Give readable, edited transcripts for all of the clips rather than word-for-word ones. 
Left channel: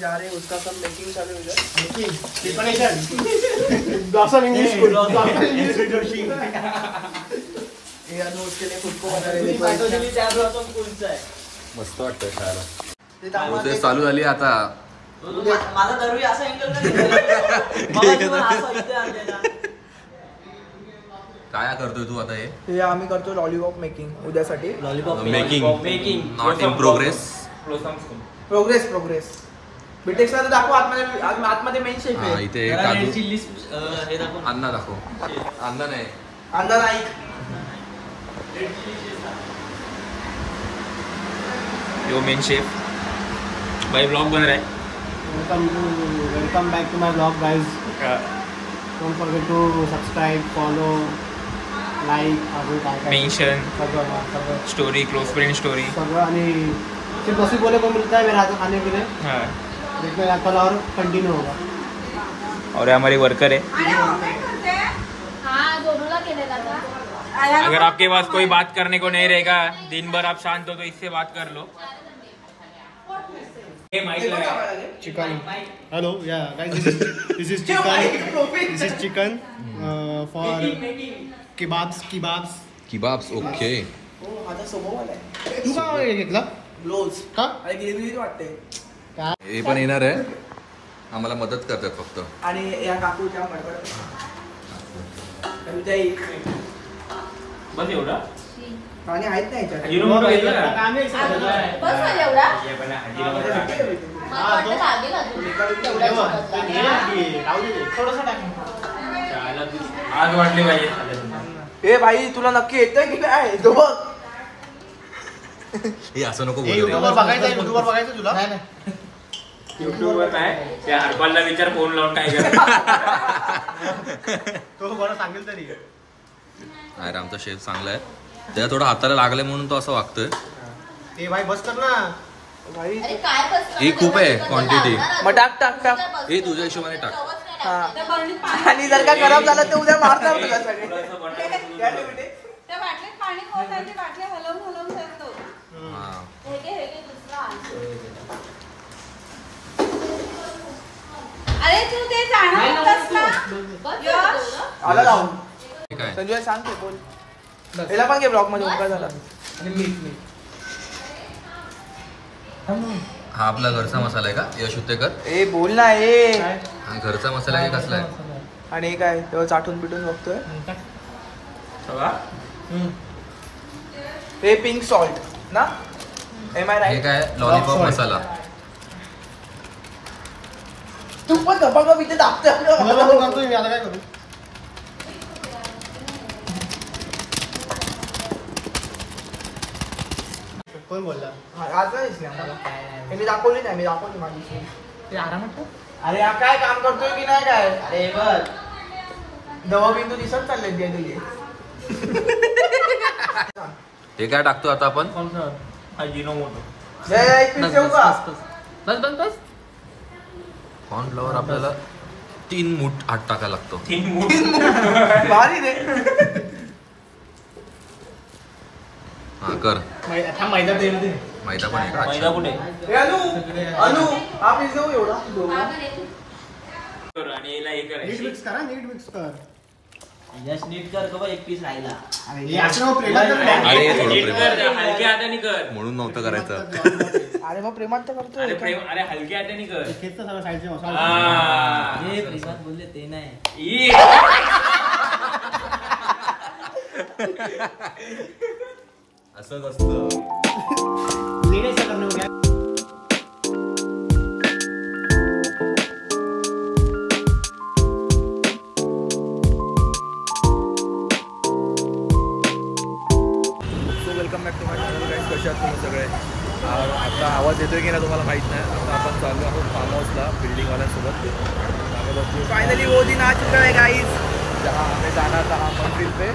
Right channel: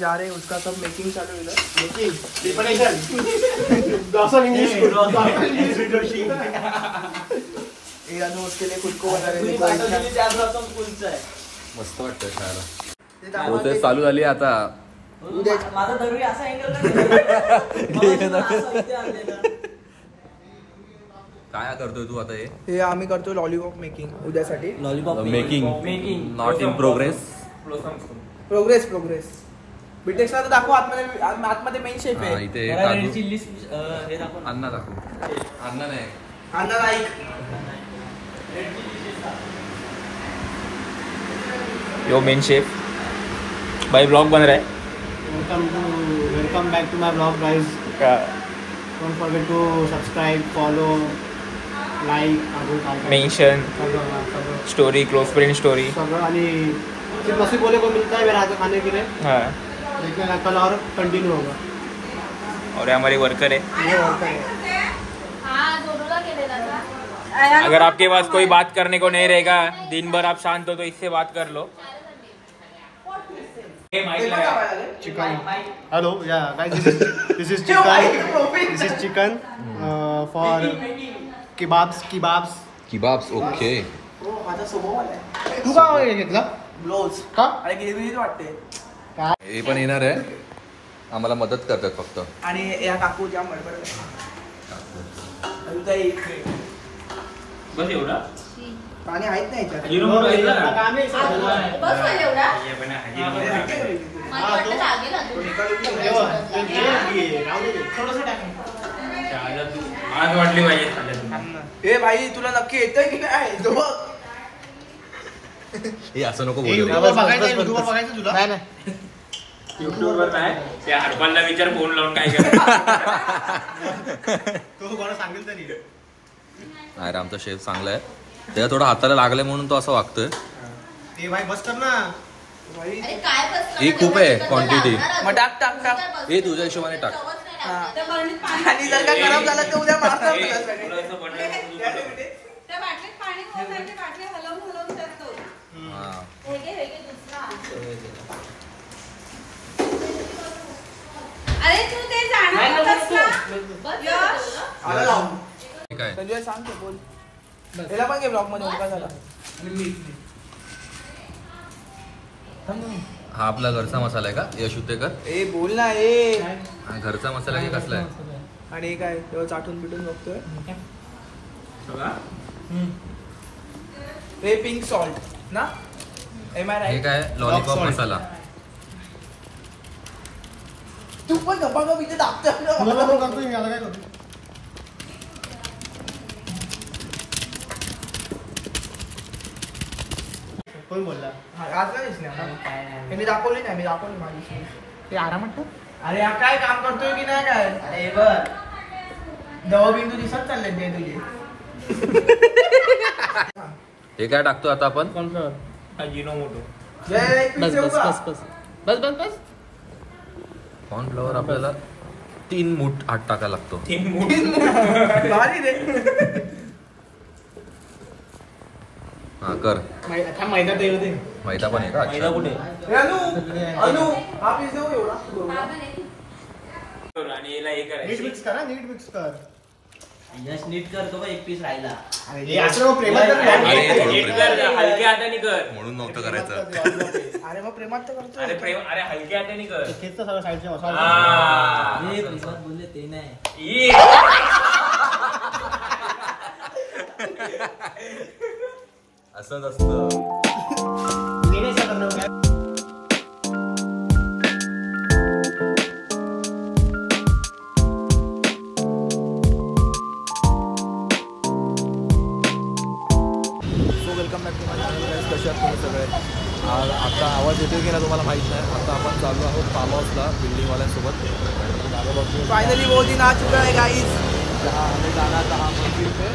जा रहे हैं, उसका सब मेकिंग चालू है। उसके लिए खुद को बना रहे। मस्त वाटतं खायला. प्रोसेस चालू झाली आता. माझा दरवेळी असा अँगल काय करतोय तू आता? हे आम्ही करतो लॉलीपॉप मेकिंग उद्यासाठी. Making not in progress. Progress बीटेक्सला तर दाखव. आतमध्ये मेन शेफ आहे. इथे काजू अन्ना दाखव. अन्ना नाही, अंदाज ऐक. यो मेन शेफ भाई ब्लॉग बन रहा है. Welcome back to my blog guys. Don't forget to subscribe, follow, like, mention, story, close friend story सगळं. आणि सिर्फ पॉसिबल को मिलता है मेरे हाथ खाने के लिए. हाँ, देखने का कल और कंटिन्यू होगा. और हमारे वर्कर है. अगर आपके पास कोई बात करने को नहीं रहेगा, दिन भर आप शांत हो तो इससे बात कर लो. चिकन. हेलो या guys, this is chicken for kebabs. Okay. माझा स्वभाव आलाय. तू काय घेतला? ब्लाउज का? आणि गिरगिरीत वाटते. हे पण येणार आहे, आम्हाला मदत करतात फक्त. आणि या काकू जाम बडबड. बस एवढा पाणी आहेत ना याच्यात. आज वाटली पाहिजे. ए भाई तुला नक्की येतंय की काय? हे असं नको बोलू रे. बघायचं तुला युट्यूब वर काय त्या हरपालला विचार फोन लावून काय करायचं. तो कोणा सांगेल तरी. अरे आमचा शेफ चांगला आहे, त्याला थोडं हाताला लागलंय म्हणून तो असं वागतोय. ते भाई बस कर ना भाई. ही खूप आहे क्वांटिटी. मग टाक. हे तुझ्या हिशोबाने टाक. आणि जर का खराब झालं तर उद्या मारता हा. अरे तू ते जाणार होतास का? काय संजय सांग तू बोल. याला पण घे ब्लॉग मध्ये. हा आपला घरचा मसाला आहे का यश उत्तेकर? ए बोल ना. ए हा घरचा मसाला आहे कसला आहे? आणि काय तेव्हा चाटून बिटून बघतोय. हे पिंक सॉल्ट ना? एम आय हे काय लॉलीपॉप मसाला. तू पण गप्पा इथे दाबते. कोण बोलला? आज काय दिसले? मी दाखवली नाही. मी दाखवली माझी आरामात. अरे हा काय काम करतोय की नाही काय? अरे बघ दवा बिंदू दिसत चालले ते तुझे. हे काय टाकतो आता आपण? अजिनोमोटो. बस कॉर्नफ्लॉवर आपल्याला 3 मूठ आत टाकायला लागतो. 3 मूठ भारी रे. हा कर. मैदा दे. मैदा पण आहे का? मैदा अच्छा. कुठे? अनु हा पीस देऊ एवढा. आणि याला हे करायचं. नीट मिक्स कर. यश नीट करतो बा. एक पीस राहिला. अरे असं प्रेमात कर. अरे थोडं नीट प्रेमात. कर, हलक्या हाताने कर. म्हणून नव्हतं करायचं. अरे मग प्रेमात तर करतोय. अरे हलक्या हाताने कर. खेचतं सगळं साईडचे मसाला. हे प्रेमात बोलले ते नाही. असंच असतं. Welcome back to my channel guys. कसे आहात तुम्ही सगळे? आता आवाज येतोय की नाही तुम्हाला माहीत नाही. आता आपण चाललो आहोत फार्म हाऊसला बिल्डिंगवाल्यांसोबत. आणि फायनली वो दिन आ चुका है गाइस जहाँ हमें जाना था मंजिल पे.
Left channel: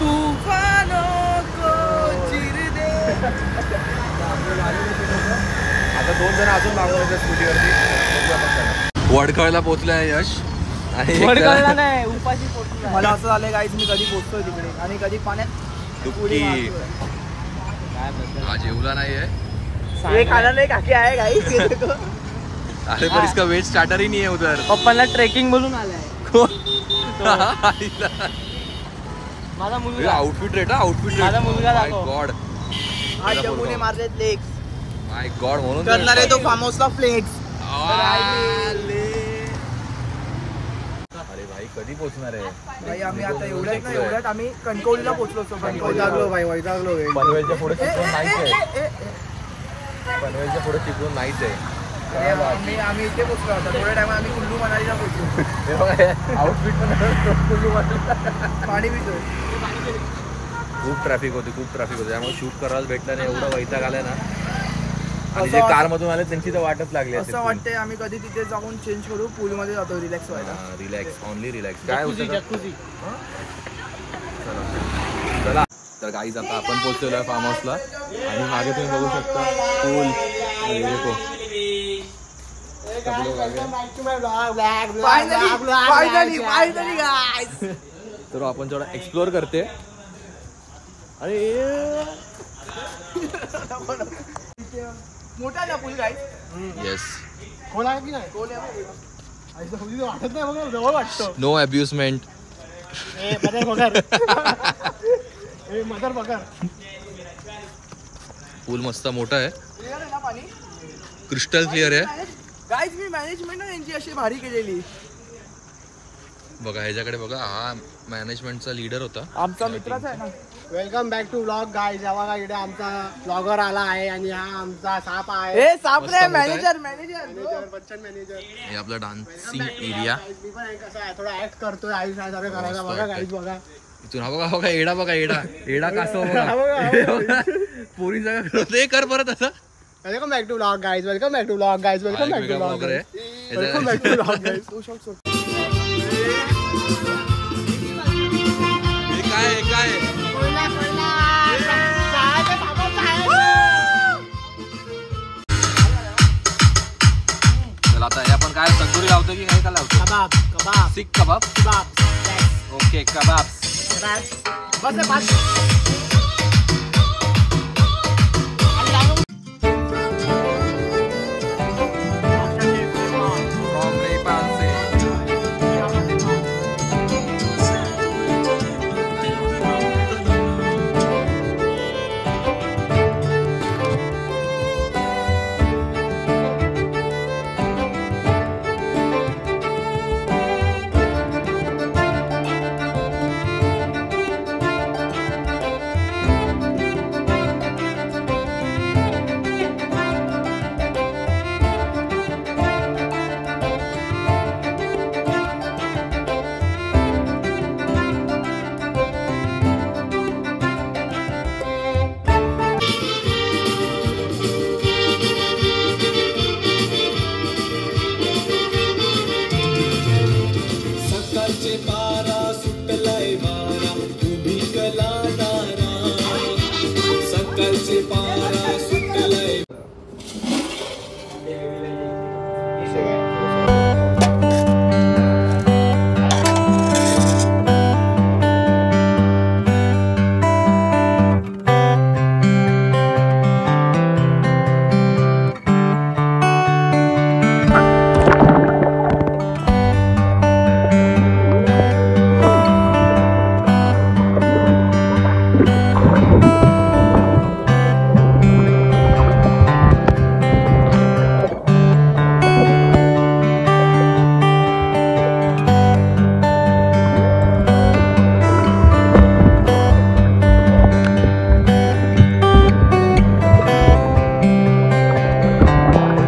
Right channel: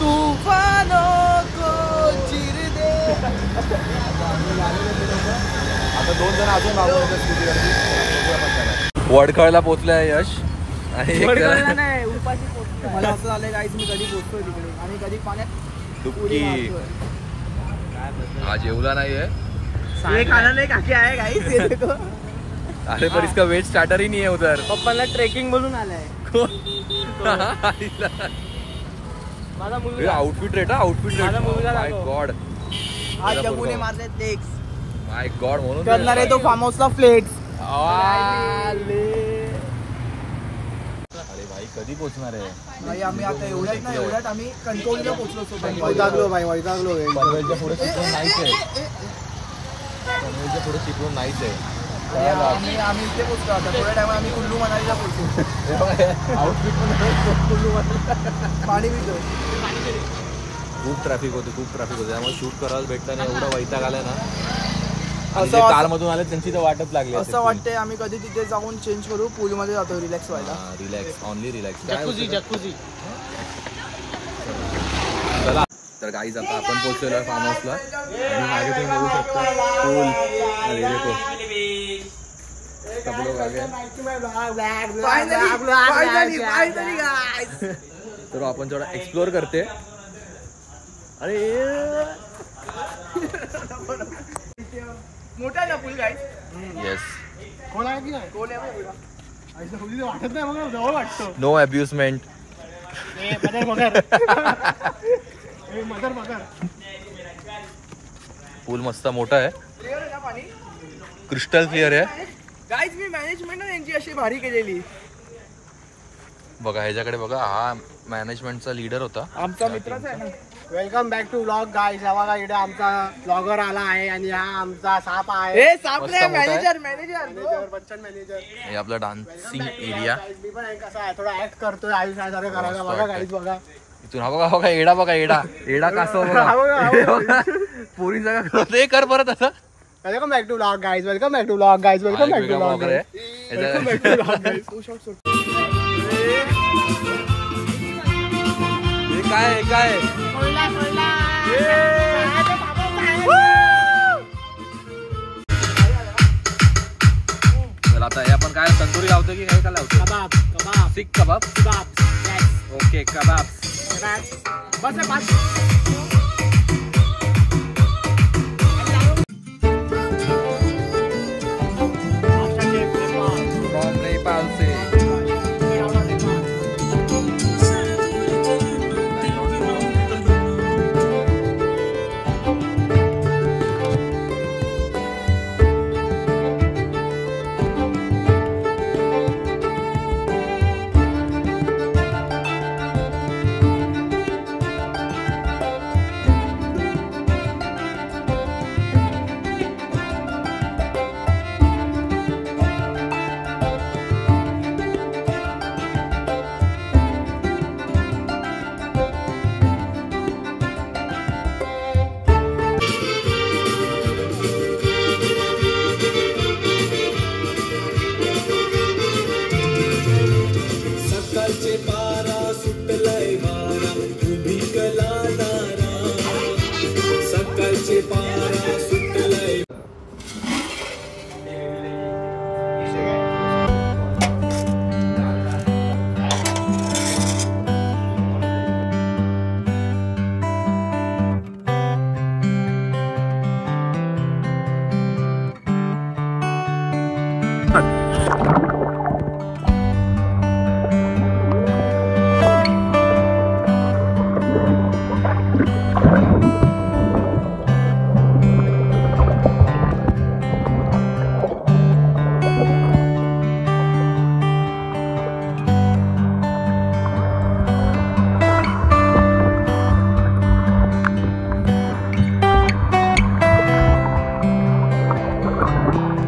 तूफानों को चिर दे. आता आपले झालेले ते लोक. आता 2 जण अजून मागून येतात स्कूटीवरती. बघूया आपण त्यांना. वडखळला पोहोचलाय यश. आणि मला असं झालंय गाईस मी कधी पोहोचतोय तिकडे आणि कधी पाण्यात डुबकी. हा जेवला नाहीये. खाना नाही काकी आहे गाईस. अरे पर इसका वेज स्टार्टर ही नहीं है उधर. पप्पाला ट्रेकिंग बोलून आलाय. Outfit rate outfit rate. My god my god म्हणून करणार आहे तो फार्म हाऊसला फ्लेक्स. अरे भाई कधी पोहोचणार आहे भाई आम्ही आता एवढ्यात आम्ही कणकवलीला पोहोचलो. वैतागलो भाई वैतागलो. पनवेलच्या पुढे चिपळूण नाहीच आहे. पनवेलच्या पुढे चिपळूण नाहीच आहे. आम्ही इथे पोहोचलो. आता थोड्या टाइम आम्ही कुल्लू मनालीला पोहोचलो. आउटफिट पण कुल्लू मनाली पाणी पितोय. खूप ट्रॅफिक होती त्यामुळे शूट करायला भेटलं नाही. एवढा वैताग आलाय ना. आणि जे कार मधून आले त्यांची तर वाटच लागली. असं वाटतंय आम्ही कधी तिथे जाऊन चेंज करू. पूल मध्ये जातो रिलॅक्स व्हायला. Relax only relax. काय होतं चला तर गाईज आता आपण पोहोचलेलो आहे फार्म हाऊसला. आणि मागे तुम्ही बघू शकता पूल. अरे देखो सब लोग आगे. तर आपण थोडा एक्सप्लोर करते. अरे मोठा ना पूल गाईज. येस कोण आहे वाटत नाही बघा जवळ वाटतं. नो अब्युजमेंट. पूल मस्त मोठा आहे. क्लिअर आहे ना पाणी. क्रिस्टल क्लिअर आहे. गाईज मी मॅनेजमेंट ना त्यांची अशी भारी केलेली बघा. ह्याच्याकडे बघा हा मॅनेजमेंटचा लीडर होता. आमचा मित्रच आहे ना. Welcome back to vlog guys. बघा इकडे आमचा ब्लॉगर आला आहे आणि हा आमचा साप आहे. हे साप मस्त नाही मोठा आहे. Manager manager. हे आपला डान्सिंग एरिया. मी पण कसा आहे थोडा ऍक्ट करतोय. आयुष काय करायला बघा गाईज बघा. इथून हा बघा एडा बघा एडा कासव बघा. पुरी जगा करत हे कर परत असं. Welcome back to vlog guys. Welcome back to vlog guys. हा एक वेगळा ब्लॉगर आहे. Welcome back to vlog guys. हे काय चला आता हे आपण काय तंदुरी लावतो की हे काय लावतो. Kebab seekh kebab. Okay kebab. बस फ्रॉम नेपाल से.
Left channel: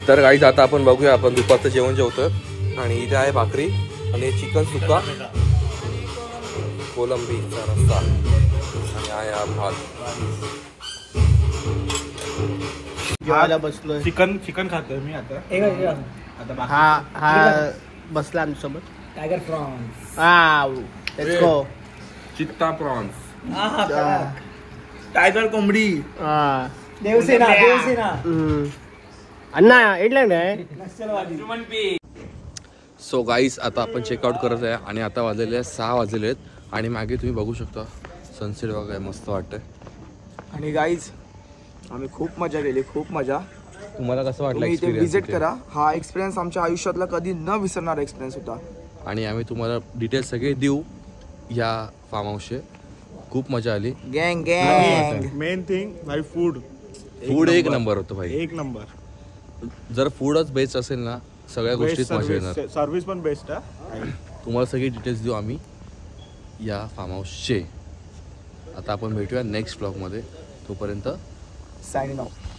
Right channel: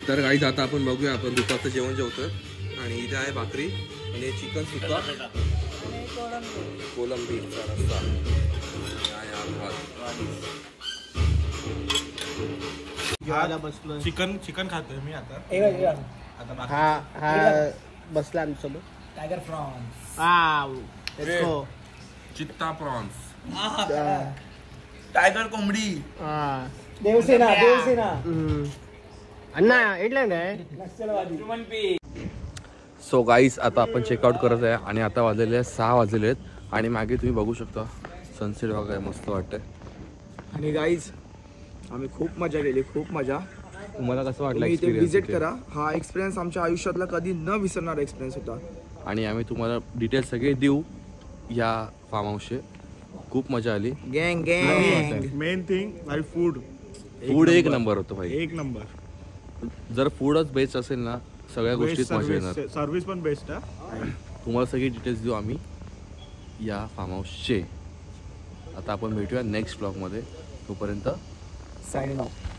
तर गाईज आता आपण बघूया. आपण दुपारचं जेवण जेवतोय आणि इथे आहे भाकरी आणि चिकन सुक्का, कोलंबीचा रस्सा आणि आहे भात. जेवायला बसलोय. चिकन खातोय मी आता. हा बसला आमच्यासोबत. Tiger prawns. Let's go. चित्ता प्रॉन्स. टायगर कोंबडी. देवसेना. अण्णा इडलँड आहे. सो गाईज आता आपण चेकआउट करत आहे आणि आता वाजलेले आहे 6 वाजलेले आहेत आणि मागे तुम्ही बघू शकता सनसेट बघाय मस्त वाटतंय. आणि गाईज आम्ही खूप मजा केली, खूप मजा. तुम्हाला कसं वाटलं तुम्ही इथे एक्सपिरियन्स विजिट करा. हा एक्सपिरियन्स आमच्या आयुष्यातला कधी न विसरणारा एक्सपिरियन्स होता. आणि आम्ही तुम्हाला डिटेल्स सगळे देऊ या फार्म हाऊसचे. खूप मजा आली. गँग गँग. मेन थिंग भाई फूड एक नंबर होतं भाई. एक नंबर. जर फूडच बेस्ट असेल ना सगळ्या गोष्टीत मजा येणार. सर्व्हिस पण बेस्ट आहे. तुम्हाला सगळी डिटेल्स देऊ आम्ही या फार्म हाऊसचे. आता आपण भेटूया नेक्स्ट ब्लॉगमध्ये. तोपर्यंत सायनिंग ऑफ.